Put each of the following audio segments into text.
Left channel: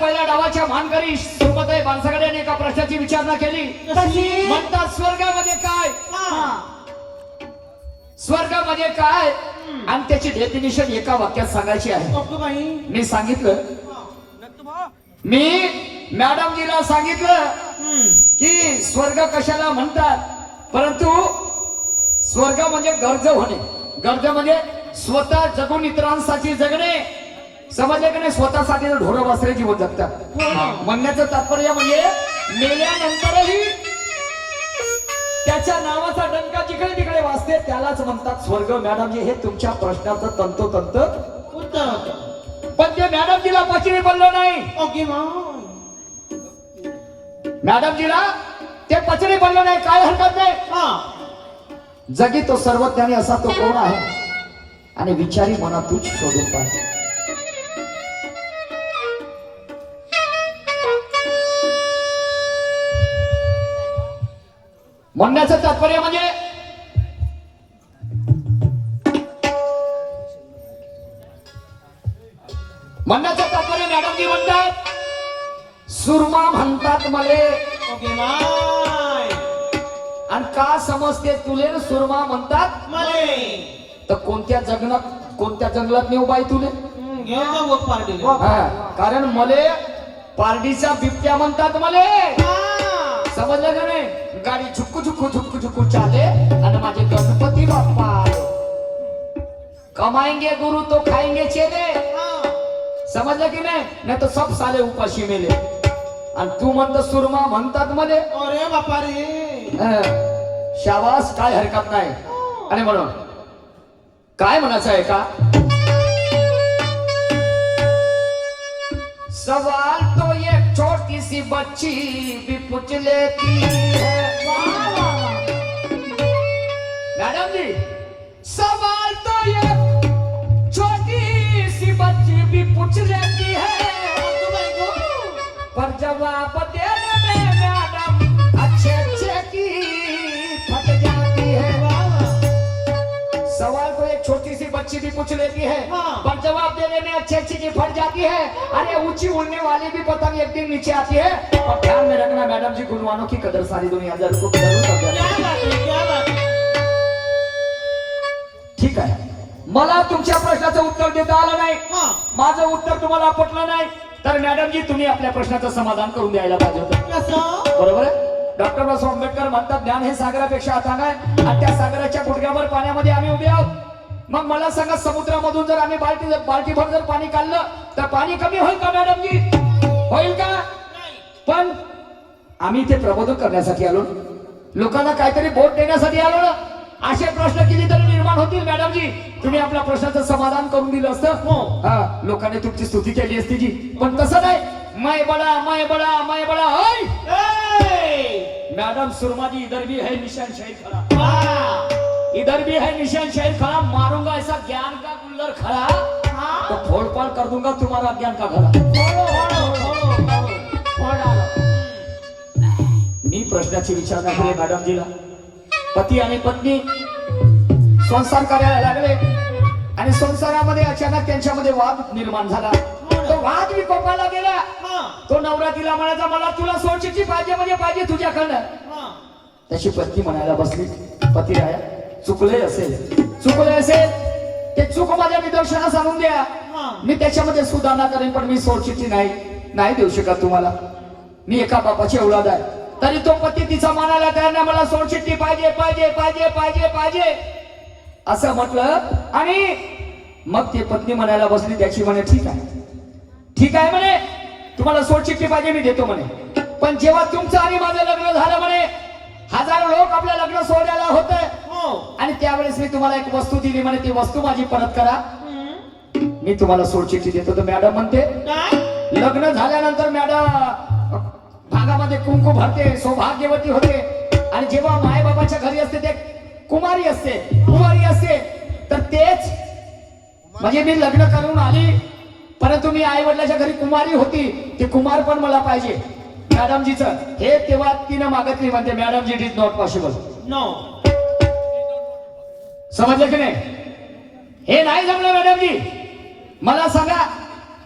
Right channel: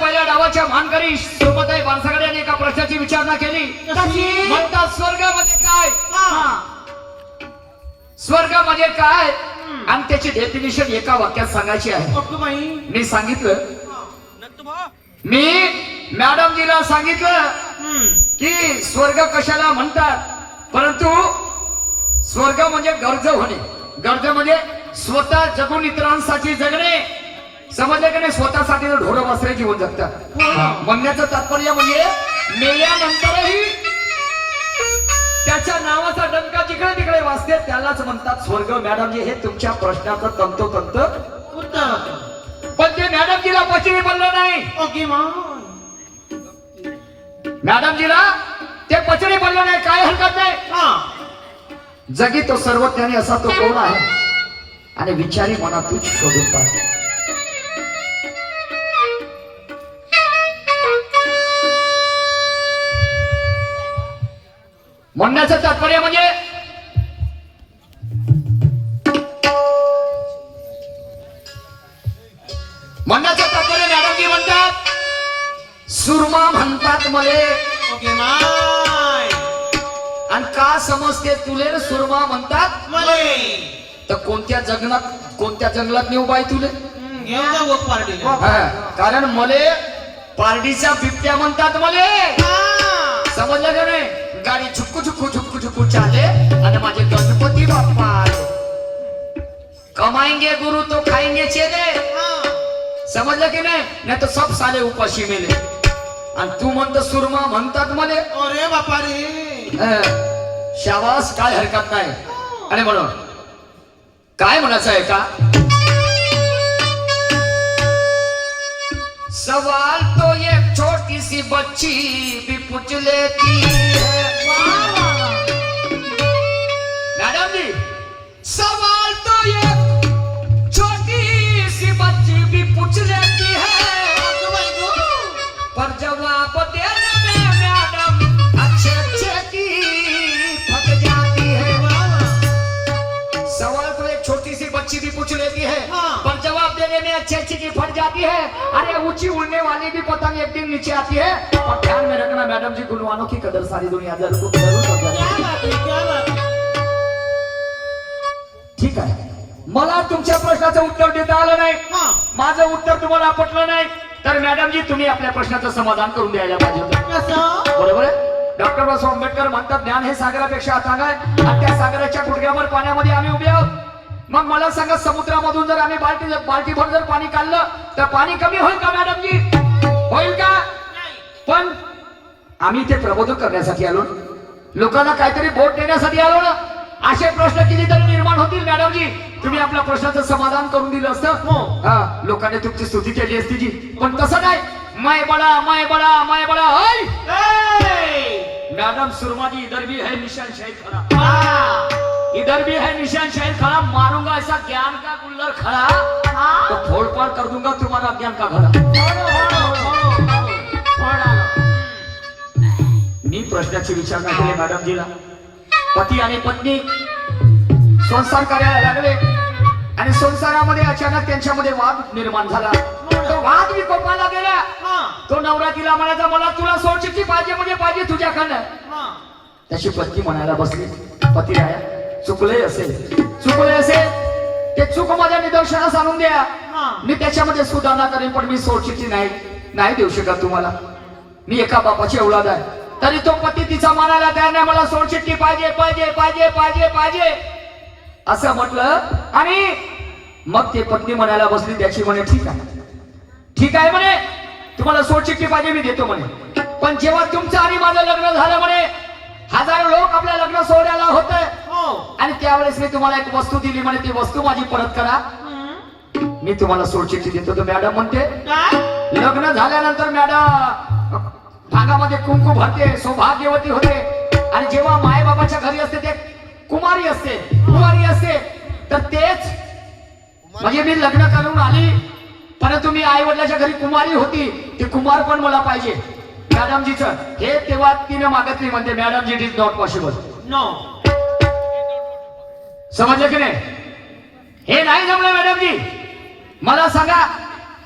पहिल्या डावाच्या मानकरी माणसाकडे यांनी एका प्रश्नाची विचारणा केली. म्हणतात स्वर्गामध्ये काय? हा. स्वर्ग म्हणजे काय? आणि त्याची डेफिनेशन एका वाक्यात सांगायची आहे. मी सांगितलं. मी मॅडमजीला सांगितलं. की स्वर्ग कशाला म्हणतात? परंतु स्वर्ग म्हणजे गरज होणे. गरज म्हणजे स्वतः जगून इतरांसाठी जगणे. समजलं की नाही? स्वतःसाठी ढोर वासरे जीवन जगतात. हो. म्हणण्याचं तात्पर्य म्हणजे मेल्यानंतरही त्याच्या नावाचा डंका जिकडे तिकडे वाचते त्यालाच म्हणतात स्वर्ग. मॅडमजी हे तुमच्या प्रश्नाचं तंतोतंत उत्तर पण ते मॅडमजीला पचनी बोललं नाही. ओके मॅडमजीला ते पचनी बोललं नाही. काय हरकत नाही. हा. जगी तो सर्वज्ञानी असा तो कोण आहे? आणि विचारी मना तूच शोधून पाह म्हणण्याचं तात्पर्य म्हणजे म्हणण्याचं तात्पर्य मॅडमजी म्हणतात सुरमा म्हणतात मले. आणि का समजते तुले सुरमा म्हणतात? मले. तर कोणत्या जंगलात कोणत्या जंगलात नेऊ बाई तुले? हा, कारण मले पारडीच्या बिबट्या म्हणतात मले. समजलं का नाही? गाडी झुक्कू झुक्कू झुक्कू झुक्कू चाले आणि माझे गणपती बाप्पा आले कमाएंगे गुरु तो खाएंगे चेले. समजलं की नाही? नाही तर सब साले उपाशी मेले. आणि तू म्हणतो सुरमा म्हणतात मले. अरे बापा रे शाबास काय हरकत नाही. आणि म्हणून काय म्हणायचं आहे का? सवाल तो एक छोटी सी बच्ची भी पूछ लेती है. मैडम जी सवाल तो एक. छोटी सी बच्ची भी पूछ लेती बच्ची भी पूछ लेती है। हाँ। पर जवाब देने में अच्छी अच्छी की फट जाती है। अरे ऊंची उड़ने वाली भी पतंग एक दिन नीचे आती है। और ध्यान में रखना मैडम जी गुणवानों की कदर सारी दुनिया जरूर क्या है क्या. ठीक आहे मला तुमच्या प्रश्नाचं उत्तर देता आलं नाही। हा. माझं उत्तर तुम्हाला पटलं नाही. तर मॅडम जी तुम्ही आपल्या प्रश्नाचं समाधान करून द्यायला पाहिजे होतं. बरोबर आहे? डॉक्टर बाबासाहेब आंबेडकर म्हणतात ज्ञान हे सागरापेक्षा अथांग आहे आणि त्या सागराच्या गुडघ्यावर पाण्यामध्ये आम्ही उभे आहोत. मग मला सांगा समुद्रामधून जर आम्ही बाल्टी बाल्टीभर जर पाणी काढलं तर पाणी कमी होईल का मॅडम जी? होईल का? पण आम्ही ते प्रबोधन करण्यासाठी आलो लोकांना काहीतरी बोट देण्यासाठी आलो ना. असे प्रश्न किती तरी निर्माण होतील मॅडम जी? तुम्ही आपल्या प्रश्नाचं समाधान करून दिलं असतं. हो. हा लोकांनी तुमची स्तुती केली असती जी. पण तसं नाही. मै बडा मै बडा मै बडा हय! ए! मैडम सुरमा जी इधर भी है निशान शहीद खड़ा हा. इधर भी है निशान शहीद खड़ा मारूंगा ऐसा ज्ञान का गुल्लर खड़ा हा. तो फोड़ पाड़ कर दूंगा तुम्हारा ज्ञान का घड़ा फोडो, फोडो, फोडो, फोडो. फोड आलं. मी प्रश्नाची विचारणा केली मॅडमजीला पती आणि पत्नी संसार करायला लागले आणि संसारामध्ये अचानक त्यांच्यामध्ये वाद निर्माण झाला तो वाद विकोपाला गेला हा. तो नवरा तिला म्हणायचा मला तुला सोडचिठ्ठी पाहिजे म्हणजे पाहिजे तुझ्याकडनं हा. त्याची पत्नी म्हणायला बसली पती राया चुकले असेल. चुकले असेल. ते चूक माझ्या निदर्शनास आणून द्या. मी त्याच्यामध्ये सुधारणा करेन पण मी सोडचिठ्ठी नाही. नाही देऊ शकत तुम्हाला. मी एका बापाची औलाद आहे. तरी तो पती तिचा मानायला तयार नाही. मला सोडचिठ्ठी पाहिजे पाहिजे पाहिजे पाहिजे पाहिजे. असं म्हटलं आणि मग ते पत्नी म्हणायला बसली त्याची म्हणे ठीक आहे. ठीक आहे म्हणे. तुम्हाला सोडचिठ्ठी पाहिजे मी देतो म्हणे. पण जेव्हा तुमचं आणि माझं लग्न झालं म्हणे हजारो लोक आपल्या लग्न सोहळ्याला होते. आणि त्यावेळेस मी तुम्हाला एक वस्तू दिली म्हणे ती वस्तू माझी परत करा. मी तुम्हाला सोडचिठ्ठी देतो तर मॅडम म्हणते लग्न झाल्यानंतर मॅडम भागामध्ये कुंकू भरते सौभाग्यवती होते. आणि जेव्हा माय बाबाच्या घरी असते ते कुमारी असते कुमारी असते तर तेच म्हणजे मी लग्न करून आली. परंतु मी आई वडिलाच्या घरी कुमारी होती ते कुमार पण मला पाहिजे. मॅडमजीच हे तेव्हा तिने मागतली म्हणते madam ji is not possible no समजलं की नाही? हे नाही जमलं मॅडम जी मला सांगा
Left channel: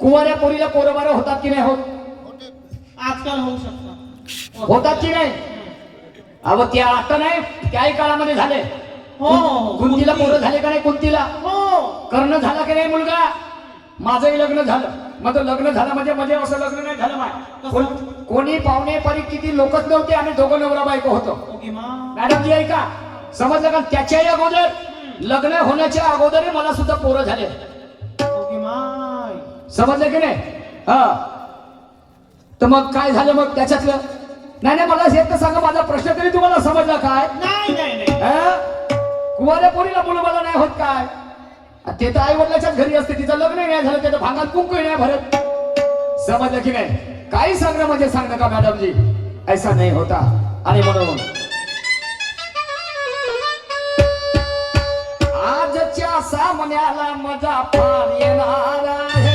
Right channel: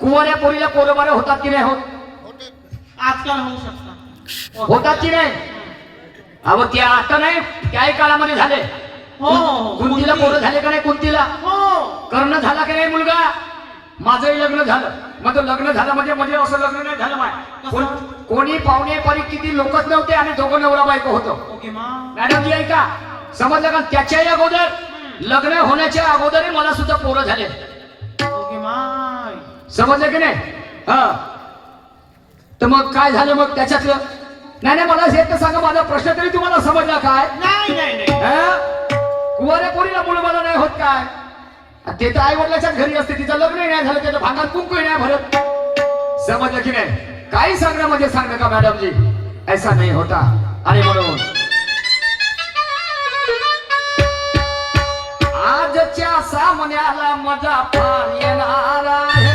कुवाऱ्या पोरीला पोरं बारं होतात की नाही होत? आजकाल होऊ शकतात. होतात की नाही? अहो त्या आता नाही त्याही काळामध्ये झाले. हो, हो, हो. कुंतीला कुंती. पोरं झाले का नाही कुंतीला? हो. कर्ण झाला की नाही मुलगा? माझंही लग्न झालं. माझं लग्न झालं म्हणजे म्हणजे असं लग्न नाही झालं माय. कोण- पाहुणे पारी किती लोकच नव्हते आणि दोघं नवरा बायको होतो. ओके मा मॅडम जी ऐका. समजलं का? त्याच्याही अगोदर लग्न होण्याच्या अगोदरही मला सुद्धा पोरं झाले. समजलं की नाही? हा. तर मग काय झालं मग त्याच्यातलं? नाही नाही मला हे तर सांगा माझा प्रश्न तरी तुम्हाला समजला काय? नाही नाही नाही. हा? कुवाऱ्या पोरीला मुलं मला नाही होत काय? ते तर आई वडिलाच्याच घरी असते तिचं लग्न नाही झालं त्याचं भांगात कुंकू नाही भरत. समजलं की नाही? काही सांगण्यामध्ये सांगणं का मॅडमजी? ऐसा नाही होता. आणि म्हणून सामन्याला मजा फार येणार आहे.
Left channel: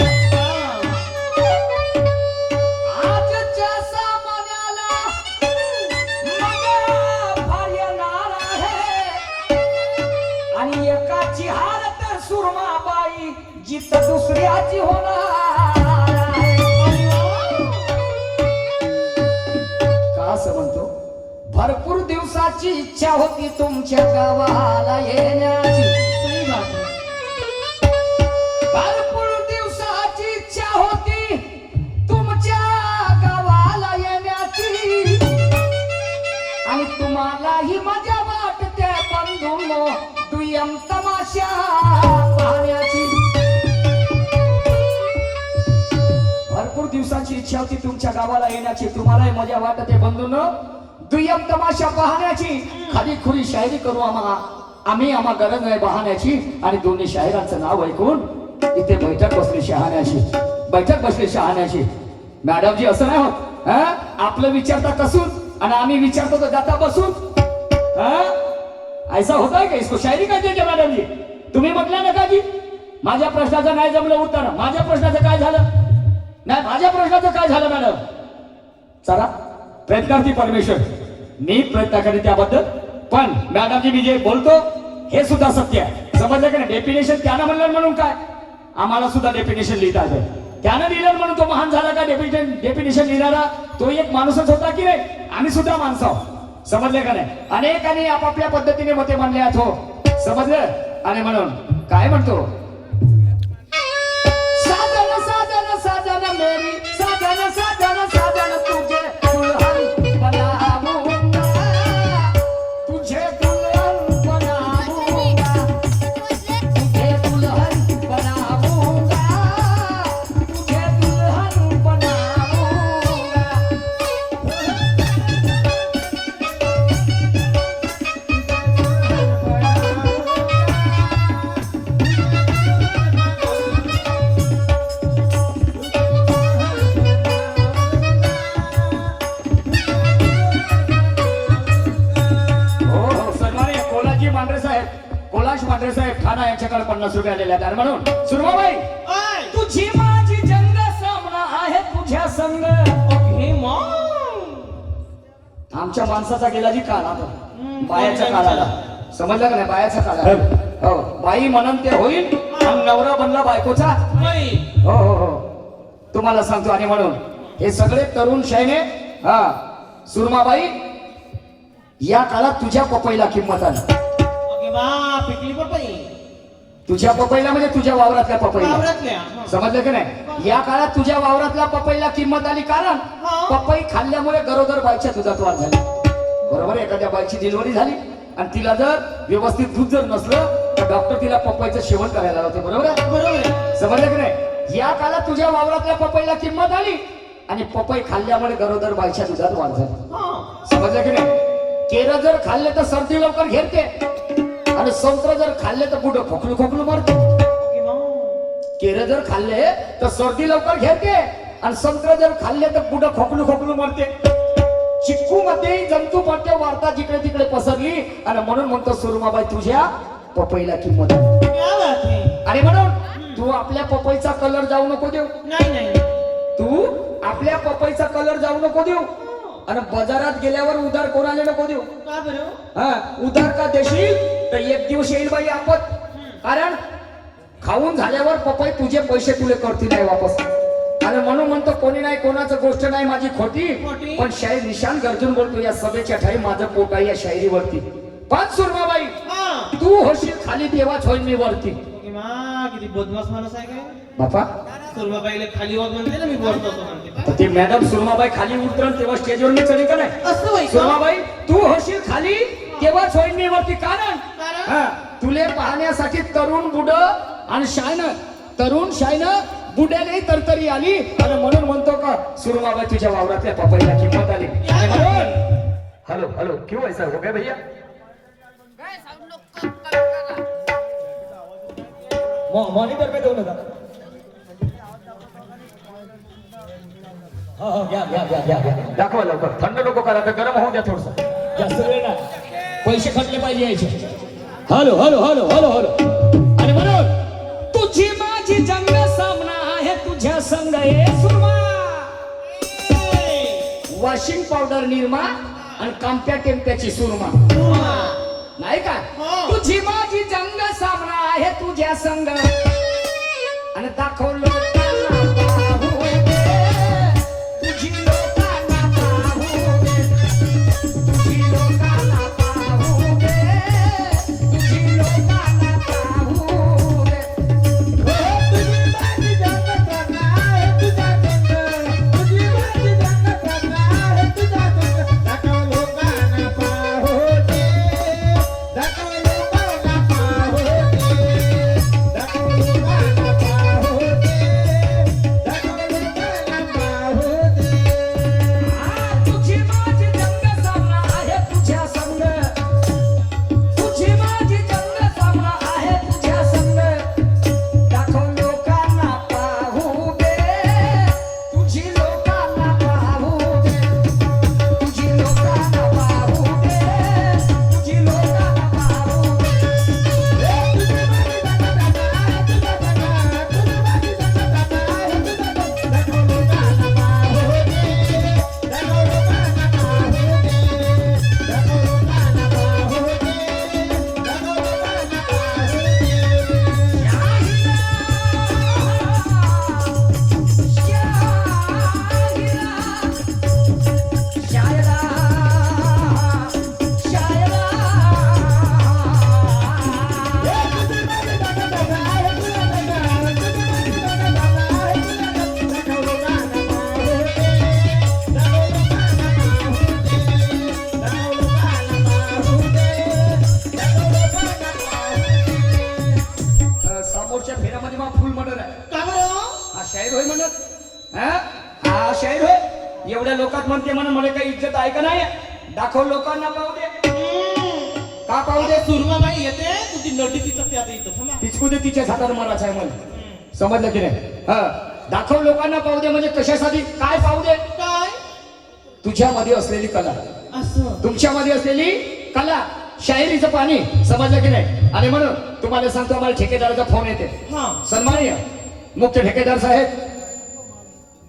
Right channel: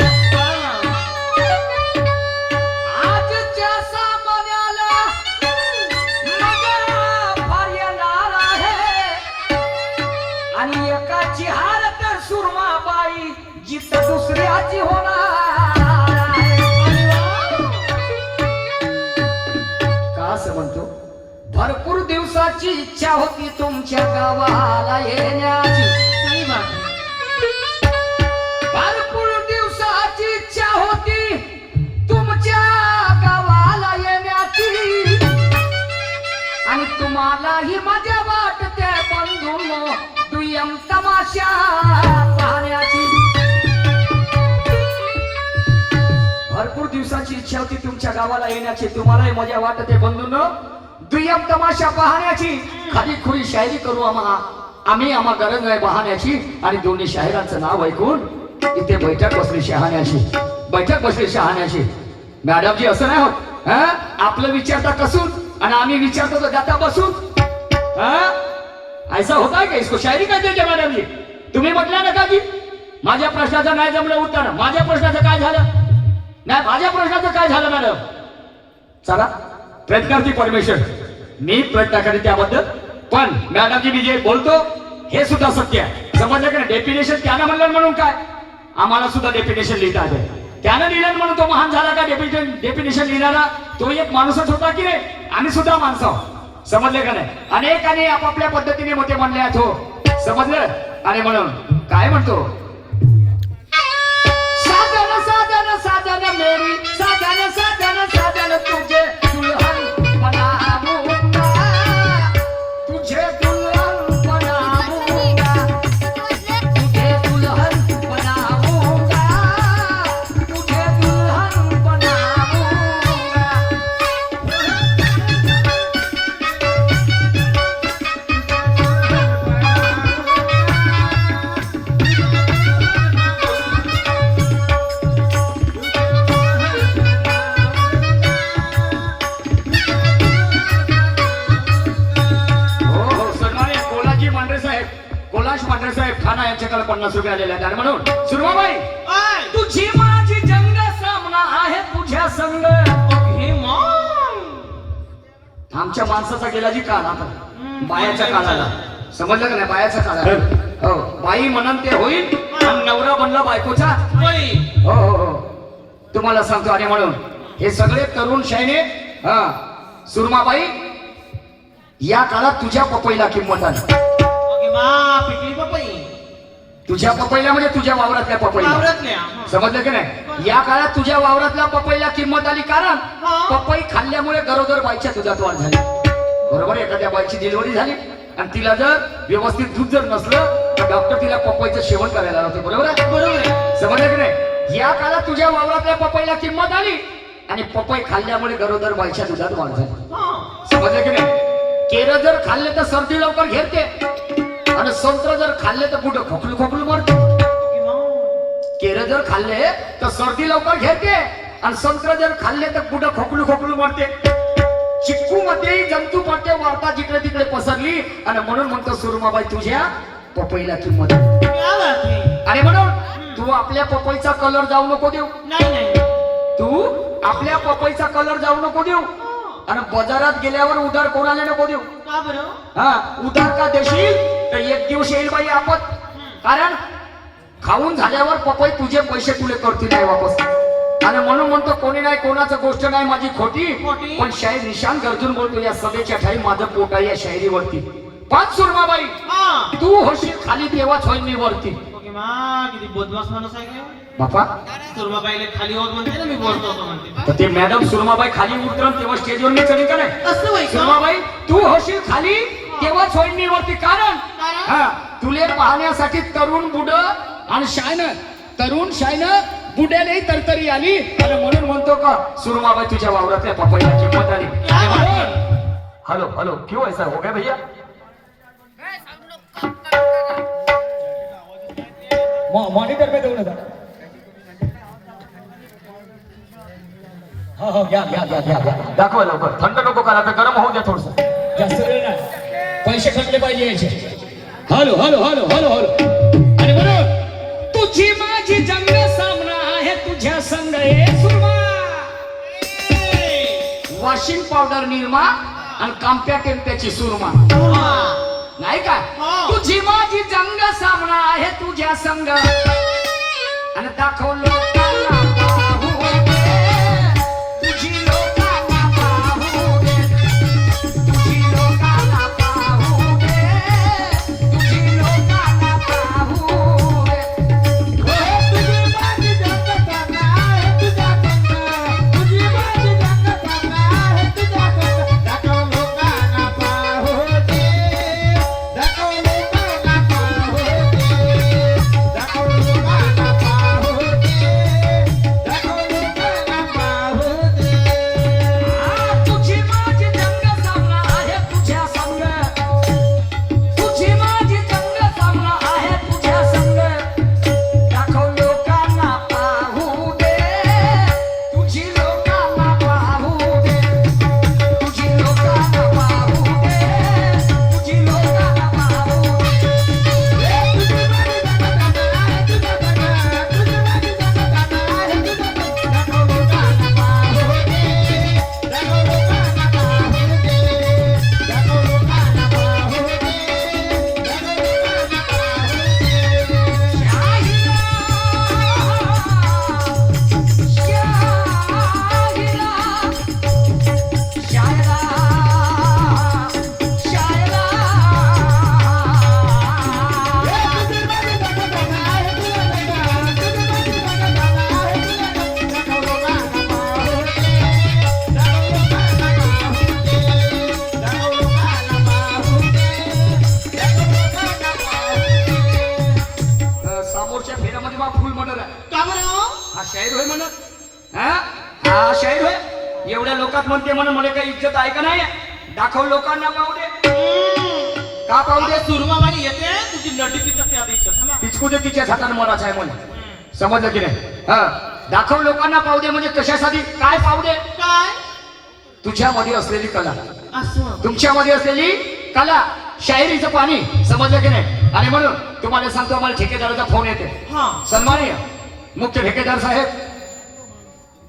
आजच्या सामन्याला मजा फार येणार आहे. आणि एकाची हार तर सुरमाबाई जित दुसऱ्याची होणार आहे. का असं म्हणतो? भरपूर दिवसाची इच्छा होती तुमच्या गावाला येण्याची. दिवसाची इच्छा होती तुमच्या गावाला येण्याची. तुम्हालाही मजा वाटते बंधून. दुय्यम तमाशा पाहण्याची. खाली खुरी शायरी करू आम्हा. आम्ही आम्हा गरज आहे पाहण्याची आणि दोन्ही शायरांचं नाव ऐकून इथे बैठक बसली शहाण्याची. बैठक बसली शहाण्याची. मॅडमजी असं नाही होत. हा? आपलं विचारता कसून आणि आम्ही विचारतो तर जाता बसून. हा? ऐसा होता का इसको? शायरी काय हैं मॅडमजी? तुम्ही म्हटल्या ना का जी माझ्या प्रश्नाचं नाही जमलं उत्तर माझ्या प्रश्नाचं काय झालं? नाही माझ्या प्रश्नाचं काय झालं मॅडम? चला प्रयत्न करते परमेश्वर. मी प्रयत्न करेन त्याबद्दल. पण मॅडमजी मी जे बोलतो हे सुद्धा सत्य आहे. समजलं का डेफिनेशन त्यानं म्हणलं म्हणून काय? आम्हाला सुद्धा डेफिनेशन लिहिता येते त्यानं लिहिलं म्हणून तो महान झाला का? डेफिनेशन डेफिनेशन लिहिणारा तो एक माणूसच होता की नाही? आम्ही सुद्धा माणसं आहोत. का नाही? अनेकांनी आपापल्या पद्धतीने मते म्हणले आहेत हो. समजलं? आणि म्हणून काय म्हणतो? Sacana, Sacana, Sacana, Sacana. कोलाश Mandhare साहेब ठाणा यांच्याकडे पन्नास रुपये आलेले आहेत. आणि म्हणून सुरमाबाई तुझी माझी जंग सामना आहे तुझ्या संग. आमच्या माणसाचा गेला जी काळ आता बायाच्या काळाला. समजलं का नाही? बायाच्या काळाला. हो. बाई म्हणून ते होईल आणि नवरा बनला बायकोचा. हो हो हो. तुम्हाला सांगतो आणि म्हणून हे सगळे तरुण शायने हा सुरमाबाई या काळात तुझ्या पपईला किंमत आली. बा पिकली पपई. तुझ्या पपईला म्हणजे तुझ्या वावरातल्या पपईला. हं. समजलं की नाही? या काळात तुझ्या वावरातल्या पपईला किंमत आली कारण हा. पपई खाल्ल्यामुळे गरोदर बाईच्या दुधात वाढ झाली. बरोबर एखाद्या बाईची डिलिव्हरी झाली आणि तिला जर व्यवस्थित दूध जर नसलं तर डॉक्टर तिला पपईचं सेवन करायला लावते. बरोबर आहे? बरोबर आहे. समजलं की नाही? या काळात तुझ्या वावरातल्या पपईला किंमत आली आणि पपई खाल्ल्यामुळे गरोदर बाईच्या दुधात वाढ झाली. हं. समजलं की नाही? केरं जर खाल्ले तर सर्दी लवकर घेते आणि संत्र जर खाल्ले तर कुठं खोकलू खोकलू मरते? केरं जर खाल्ले तर सर्दी लवकर घेते. आणि संत्र जर खाल्ले तर कुठं खोकलू खोकलू मरते? चिक्कू मध्ये जंतू पडते वार्ता जिकडे तिकडे पसरली. आणि म्हणून म्हणतो सुरमाबाई तुझ्या पपईला किंमत आणि म्हणून तू आपल्या पपईचा कलर जाऊ नको देऊ. नाही तू आपल्या पपईचा कलर जाऊ नको देऊ. आणि बाजारात गेल्यावर उधार कोणाला नको देऊ? का बरं? हा उधार का देशील? तर एक दिवस येईल बाई आपत. कारण खाऊन झाल्यावर पपई तुझे पैसे तुले करतील नाही वापस. आणि म्हणून म्हणतो कोणी नाही कोणाचं गोष्ट नाही माझी खोटी. खोटी. पण शाहीर निशान गरजून बोलतो या सभेच्या ठाई माझं पोट आहे या शायरीवरती पाच सुरमाबाई हा. तू होशील खाली तेव्हाच होईल मी वरती. ओके मा किती बोधवास माणूस आहे का बापा? सुरबाबाईला खाली होत म्हणते ना मी बोलतो असं म्हणते. तर ते मॅडम सुरमाबाई खाली उतरल तेव्हा स्टेजवर का नाही? असं बाई का? सुरमाबाई तू होशील खाली तेव्हाच होईल मी वरती कारण? कारण? हा तुले पाहण्यासाठी तरुण बुड आणि शायन तरुण शायन बुड्याने तरतरी आली. आणि म्हणून म्हणतो का सुरमाबाई तुझ्या वावरातल्या पपईला किंमत आली. आणि म्हणून हेलो हेलो क्यों ऐसा हो गया भैया? मॉनिटर पे घेऊन येतात हो हो या या या या या. दाखवा लवकर. थंड नको करा तर गरम होऊ द्या थोडस. जास्त पैसे खटले पाहिजे याचे. Hello hello hello hello hello. आणि म्हणून तुझी माझी जंग सामना आहे तुझ्या संग हे सुरमा. वॉशिंग पावडर निर्मा आणि कांप्या टेम्प्याची सुरमा. नाही का? हो. तुझी माझी जंग सामना आहे तुझ्या संग. आणि दाखव दाखव लोकांना पाहू दे का पाहू दे सुरबाबाई येते तुझी नटी तिथं ते आता इथं थांबा. पिचकू दे तिच्या हाताने मनाचं आहे म्हणे. समजलं की नाही? हा. दाखव लोकांना पाहू दे म्हणजे कशासाठी? काय पाहू दे काय तुझ्यामध्ये असलेली कला. असं. तुमच्यामध्ये असलेली कला. शाहिरीचं पाणी. समजलं की नाही? आणि म्हणून तुम्हाला सांगतो आम्हाला ठेकेदाराचा फोन येते. हा. सन्माननीय मुख्य ठेकेदार साहेब.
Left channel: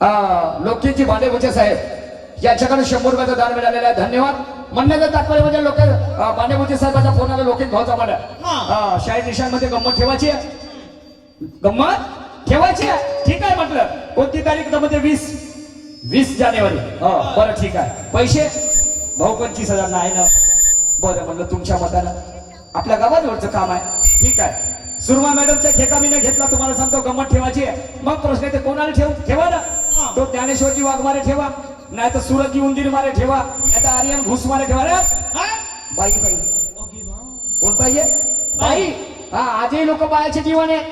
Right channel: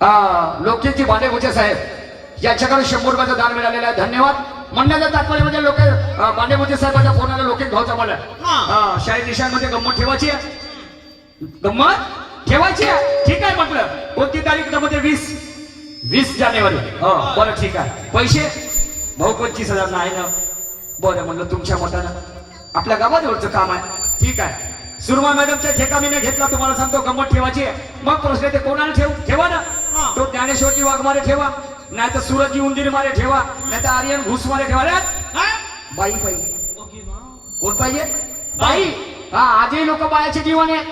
अं, लोकहितची बांडेगुचे साहेब. याच्याकडे शंभर रुपयाचं दान मिळालेलं आहे. धन्यवाद. म्हणण्याचं तात्पर्य म्हणजे लोक बांडेगुचे साहेबांच्या फोनाला लोकहित घ्यायचा मला हा. शाहीर निशांमध्ये गंमत ठेवायची आहे? गंमत ठेवायची आहे? ठीक आहे म्हटलं. कोणती तारीख म्हणजे वीस. वीस जानेवारी. हो बरं ठीक आहे. पैसे? भाऊ पंचवीस हजार नाही ना. बरं म्हणलं तुमच्या मतानं. आपल्या गावाजवळचं काम आहे. ठीक आहे. सुरमा मॅडमच्या ठेका मी घेतला तुम्हाला सांगतो गंमत ठेवायची आहे. मग प्रश्न ते कोणाला ठेव? ठेवा ना. तो ज्ञानेश्वरजी वाघमारे ठेवा. नाही तर सूरजजी उंदीर मारे ठेवा नाही तर आर्यन घुस मारे ठेवा. रे हा? बाई पाहिजे. कोण पाहिजे? बाई. हा आजही लोक बायाचे जीवन आहे.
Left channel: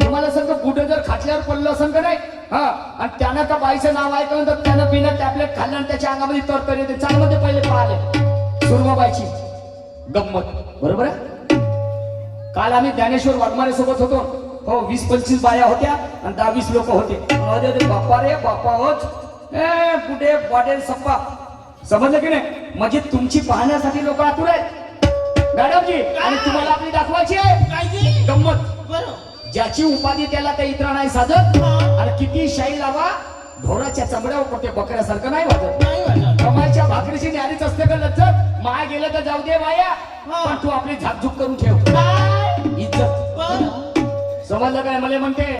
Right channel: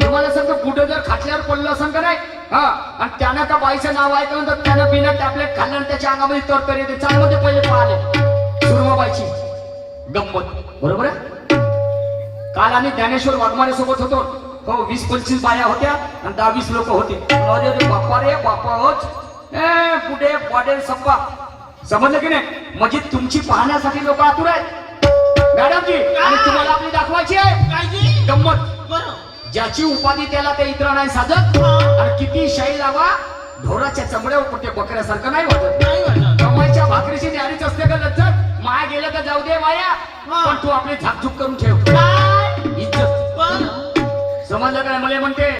तुम्हाला सांगतो कुठं जर खाटल्यावर पडलं असं का नाही? हा आणि त्यानं त्या बाईचं नाव ऐकलं तर त्यानं बिना टॅबलेट खाल्लं त्याच्या अंगामध्ये तरतरी येते. चालमध्ये पहिले पाहिले. सुरमाबाईची गंमत. बरोबर आहे? काल आम्ही ज्ञानेश्वर वाघमारे सोबत होतो. हो वीस पंचवीस बाया होत्या आणि दहा वीस लोक होते. बाप्पा रे बाप्पा ए कुठे? वाटेल सप्पा समजलं की नाही? म्हणजे तुमची पाहण्यासाठी लोक आतुर आहेत. मॅडमजी आणि तुम्हाला आपली दाखवायची आहे. गंमत. ज्याची उपाधी त्याला ते इतर नाही साधत. आणि किती शाही लावा ढोराच्या चमड्यावर कुठे बकऱ्यासारखं नाही वाटत कमाईच्या भाकरीची न्यारीच असते का लज्जत? माय गेलं तर जाऊ दे माया. पण तू आपली झाकझूक करून ठेव. इज्जत. समजलं काय मला म्हणते.